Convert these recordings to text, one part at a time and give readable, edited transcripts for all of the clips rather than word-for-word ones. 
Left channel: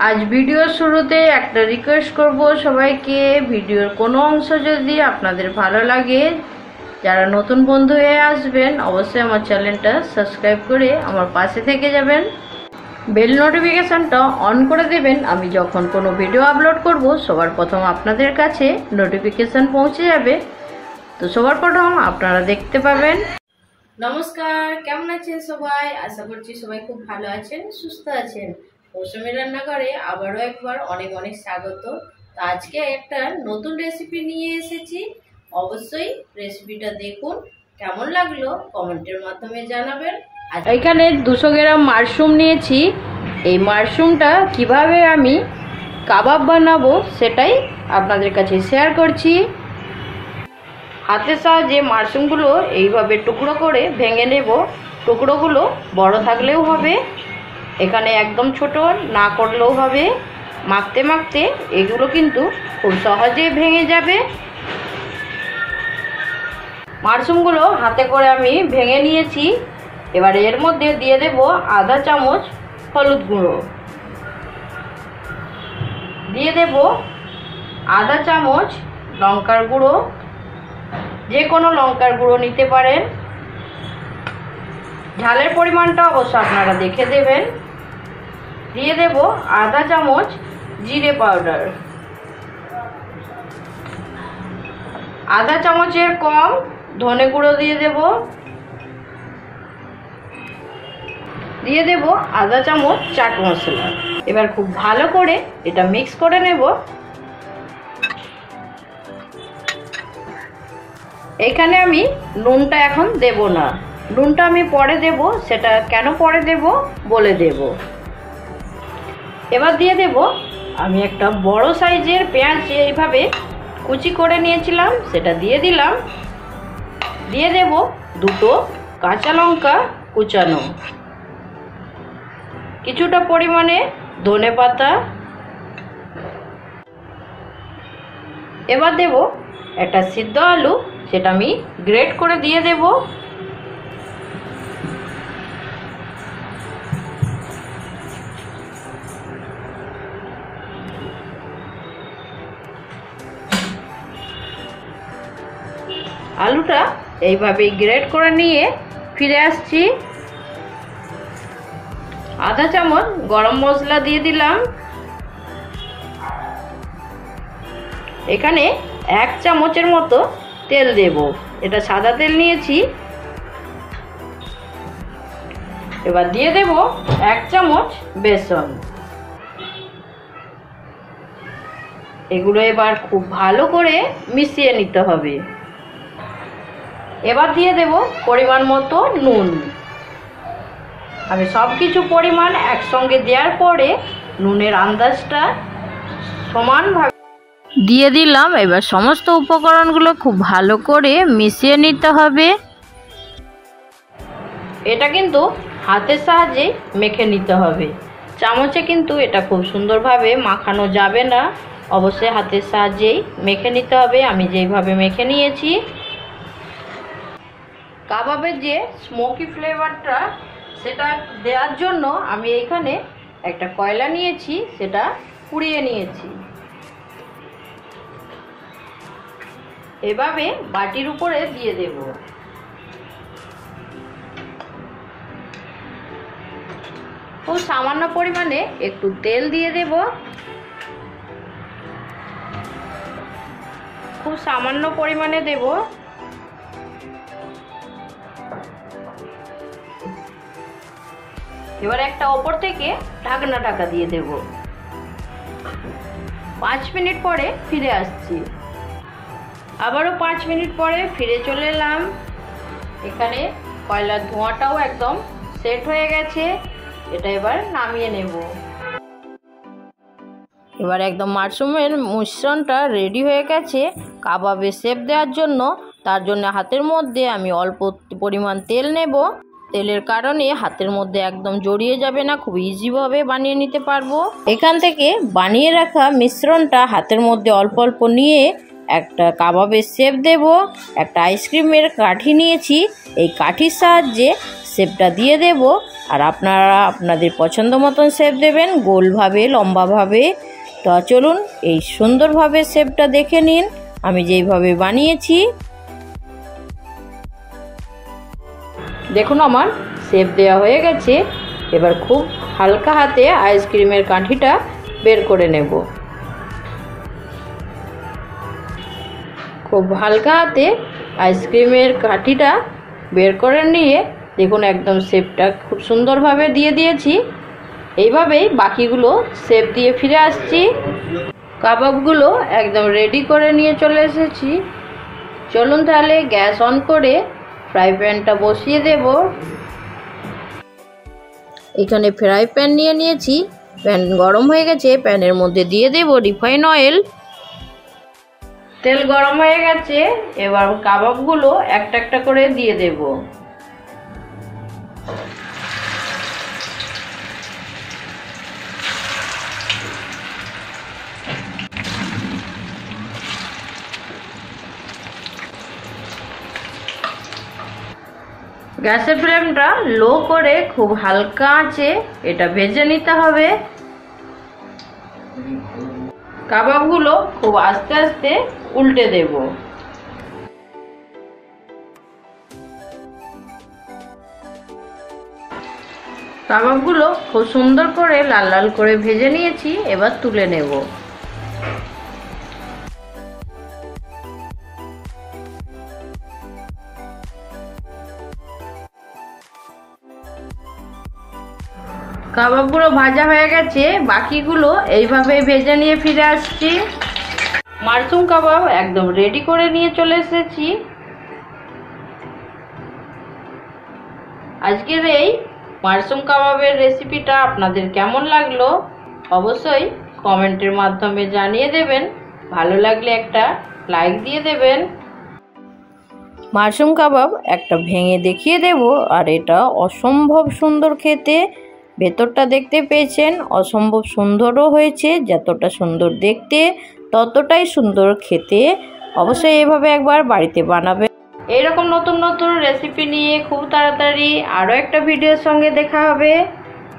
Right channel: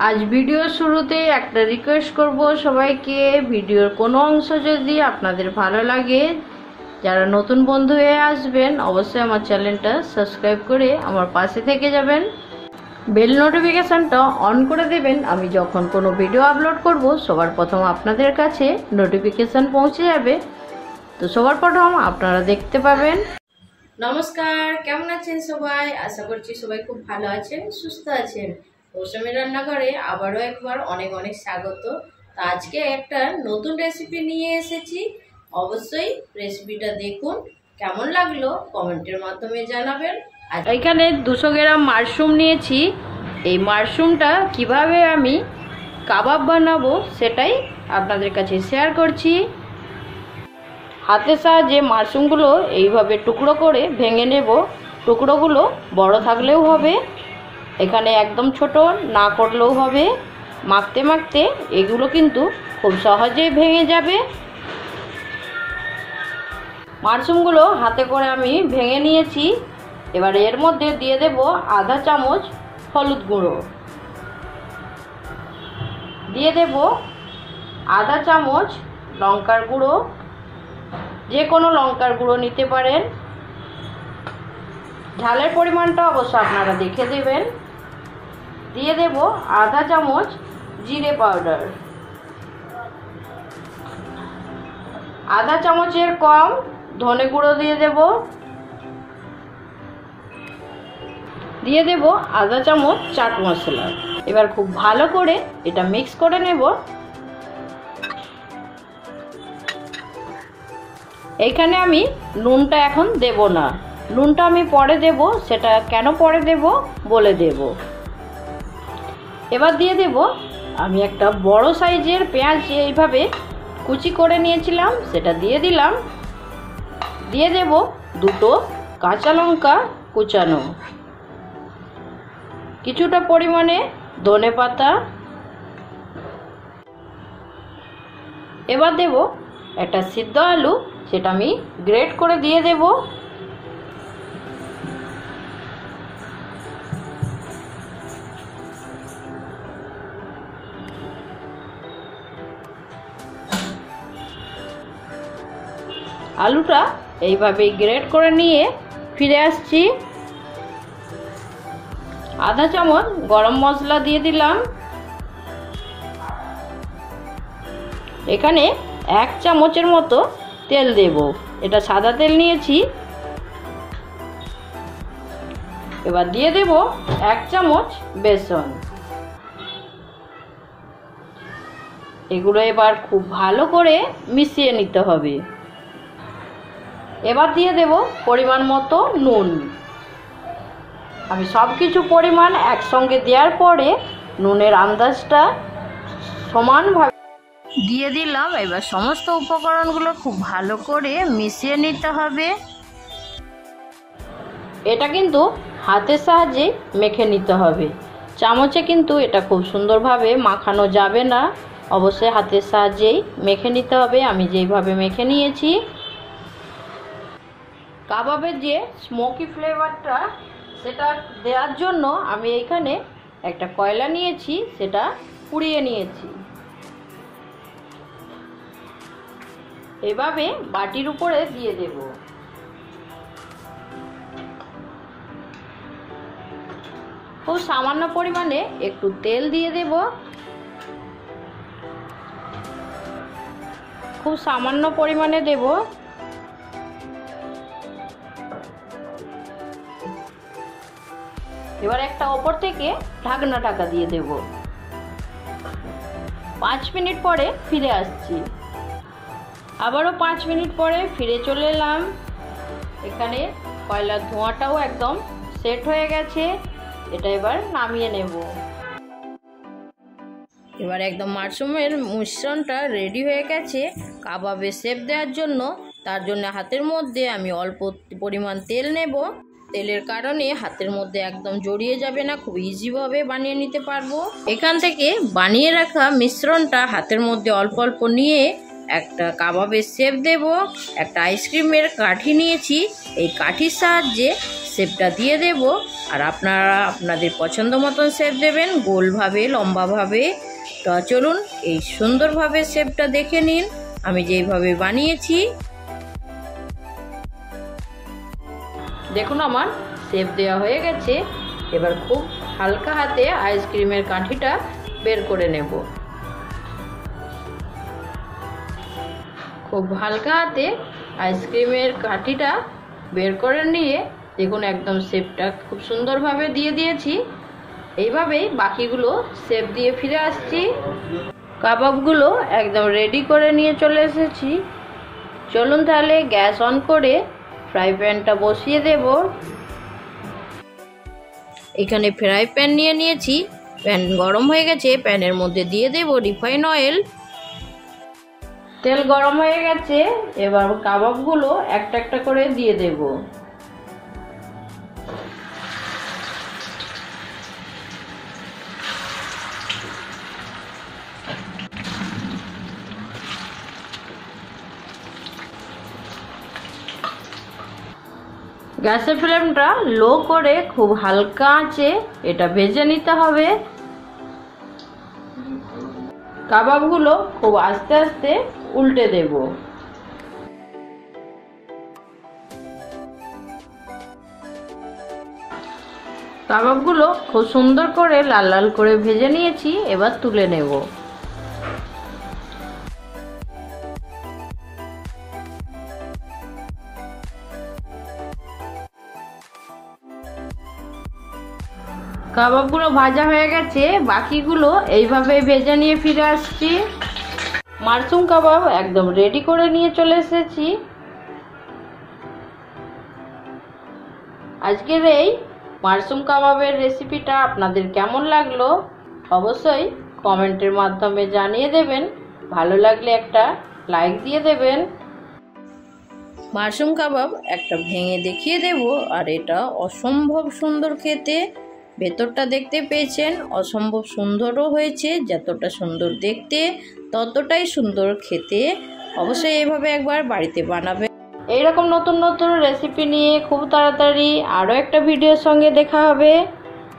आज भिडियो शुरूते एक रिक्वेस्ट करब सबाइके भिडियोर कोनो अंश यदि आपनादेर भालो लागे যারা নতুন বন্ধু হয়ে আসবেন অবশ্যই আমার চ্যানেলটা সাবস্ক্রাইব করে আমার পাশে থেকে যাবেন বেল নোটিফিকেশনটা অন করে দেবেন আমি যখন কোনো ভিডিও আপলোড করব সবার প্রথম আপনাদের কাছে নোটিফিকেশন পৌঁছে যাবে তো সবার প্রথম আপনারা দেখতে পাবেন। নমস্কার, কেমন আছেন সবাই? আশা করছি সবাই খুব ভালো আছেন, সুস্থ আছেন। মৌসুমী রান্নাঘরে আবারও একবার অনেক অনেক স্বাগত। তো আজকে একটা নতুন রেসিপি নিয়ে এসেছি, অবশ্যই রেসিপিটা দেখুন, কেমন লাগলো কমেন্টের মাধ্যমে জানাবেন। এখানে 200 গ্রাম মাশরুম নিয়েছি। এই মাশরুমটা কিভাবে আমি কাবাব বানাবো সেটাই আপনাদের কাছে শেয়ার করছি। হাতের সাহায্যে মাশরুমগুলো এইভাবে টুকরো করে ভেঙে নেব। টুকরোগুলো বড় থাকলেও হবে, এখানে একদম ছোট না করলেও হবে। মাখতে মাখতে এগুলো কিন্তু খুব সহজেই ভেঙে যাবে। মাশরুমগুলো হাতে করে আমি ভেঙে নিয়েছি। এবার এর মধ্যে দিয়ে দেব আধা চামচ হলুদ গুঁড়ো, দিয়ে দেব আধা চামচ লঙ্কার গুঁড়ো, যে কোনো লঙ্কার গুঁড়ো নিতে পারেন। ঝালের পরিমাণটা অবশ্য আপনারা দেখে দেবেন। দিয়ে দেব আধা চামচ জিরে পাউডার, আধা চামচের কম ধনে গুঁড়ো দিয়ে দেব, দিয়ে দেব আধা চামচ চাট মশলা। এবার খুব ভালো করে এটা মিক্স করে নেব। এখানে আমি নুনটা এখন দেব না, নুনটা আমি পরে দেব, সেটা কেন পরে দেব বলে দেব। এবার দিয়ে দেব আমি একটা বড় সাইজের পেঁয়াজ এইভাবে কুচি করে নিয়েছিলাম, সেটা দিয়ে দিলাম। দিয়ে দেব দুটো কাঁচা লঙ্কা কুচানো, কিছুটা পরিমাণে ধনে পাতা। এবার দেব একটা সিদ্ধ আলু, সেটা আমি গ্রেট করে দিয়ে দেব। আলুটা এইভাবে গ্রেট করে নিয়ে ফিরে আসছি। আধা চামচ গরম মশলা দিয়ে দিলাম। এখানে 1 চামচের মতো তেল দেব, এটা সাদা তেল নিয়েছি। এবার দিয়ে দেব 1 চামচ বেসন। এগুলো এবার খুব ভালো করে মিশিয়ে নিতে হবে। এবার দিয়ে দেব পরিমাণ মতো নুন। আমি সব কিছু পরিমাণ একসঙ্গে দেওয়ার পরে নুনের আন্দাজটা সমানভাবে দিয়ে দিলাম। এবার সমস্ত উপকরণগুলো খুব ভালো করে মিশিয়ে নিতে হবে। এটা কিন্তু হাতের সাহায্যে মেখে নিতে হবে, চামচে কিন্তু এটা খুব সুন্দরভাবে মাখানো যাবে না, অবশ্যই হাতের সাহায্যেই মেখে নিতে হবে। আমি যেইভাবে মেখে নিয়েছি। কাবাবের যে স্মোকি ফ্লেভারটা সেটা দেওয়ার জন্য আমি এখানে একটা কয়লা নিয়েছি, সেটা পুড়িয়ে নিয়েছি। এভাবে বাটির উপরে দিয়ে দেব। খুব সামান্য পরিমাণে একটু তেল দিয়ে দেব, খুব সামান্য পরিমাণে দেব। এবার একটা ওপর থেকে ঢাকা দিয়ে দেব। 5 মিনিট পরে ফিরে আসছি। আবারও 5 মিনিট পরে ফিরে চলে এলাম। এখানে কয়লার ধোঁয়াটাও একদম সেট হয়ে গেছে। এটা এবার নামিয়ে নেব। এবার একদম মাশরুমের মিশ্রণটা রেডি হয়ে গেছে কাবাবে শেপ দেওয়ার জন্য। তার জন্য হাতের মধ্যে আমি অল্প পরিমাণ তেল নেব। তেলের কারণে হাতের মধ্যে একদম জড়িয়ে যাবে না, খুব ইজিভাবে বানিয়ে নিতে পারবো। এখান থেকে বানিয়ে রাখা মিশ্রণটা হাতের মধ্যে অল্প অল্প নিয়ে একটা কাবাবের শেপ দেব। একটা আইসক্রিমের কাঠি নিয়েছি, এই কাঠির সাহায্যে শেপটা দিয়ে দেব। আর আপনারা আপনাদের পছন্দ মতন শেপ দেবেন, গোলভাবে লম্বাভাবে। তো চলুন এই সুন্দরভাবে শেপটা দেখে নিন আমি যেইভাবে বানিয়েছি। দেখুন আমার শেপ দেওয়া হয়ে গেছে। এবার খুব হালকা হাতে আইসক্রিমের কাঠিটা বের করে নেব। খুব হালকা হাতে আইসক্রিমের কাঠিটা বের করে নিয়ে দেখুন একদম শেপটা খুব সুন্দরভাবে দিয়ে দিয়েছি। এইভাবেই বাকিগুলো শেপ দিয়ে ফিরে আসছি। কাবাবগুলো একদম রেডি করে নিয়ে চলে এসেছি। চলুন তাহলে গ্যাস অন করে ফ্রাই প্যানটা বসিয়ে দেব। এখানে ফ্রাই প্যান নিয়ে নিয়েছি। প্যান গরম হয়ে গেছে, প্যানের মধ্যে দিয়ে দেব রিফাইন অয়েল। তেল গরম হয়ে গেছে, এবার কাবাবগুলো একটা একটা করে দিয়ে দেব। গ্যাসের ফ্লেমটা লো করে খুব হালকা আঁচে এটা ভেজে নিতে হবে। কাবাবগুলো খুব আস্তে আস্তে উল্টে দেব। কাবাবগুলো খুব সুন্দর করে লাল লাল করে ভেজে নিয়েছি, এবার তুলে নেব। কাবাবগুলো ভাজা হয়ে গেছে, বাকিগুলো এইভাবে ভেজে নিয়ে ফিরে আসছি। মাশরুম কাবাব একদম রেডি করে নিয়ে চলে এসেছি। আজকের এই মাশরুম কাবাবের রেসিপিটা আপনাদের কেমন লাগলো অবশ্যই কমেন্টের মাধ্যমে জানিয়ে দেবেন। ভালো লাগলে একটা লাইক দিয়ে দেবেন। মাশরুম কাবাব একটা ভেঙে দেখিয়ে দেব। আর এটা অসম্ভব সুন্দর খেতে। ভেতরটা দেখতে পেয়েছেন, অসম্ভব সুন্দরও হয়েছে। যতটা সুন্দর দেখতে ততটাই সুন্দর খেতে। অবশ্যই এভাবে একবার বাড়িতে বানাবেন। এইরকম নতুন নতুন রেসিপি নিয়ে খুব তাড়াতাড়ি আরও একটা ভিডিওর সঙ্গে দেখা হবে।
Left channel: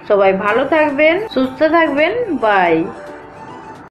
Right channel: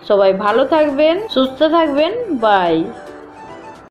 সবাই ভালো থাকবেন, সুস্থ থাকবেন। বাই।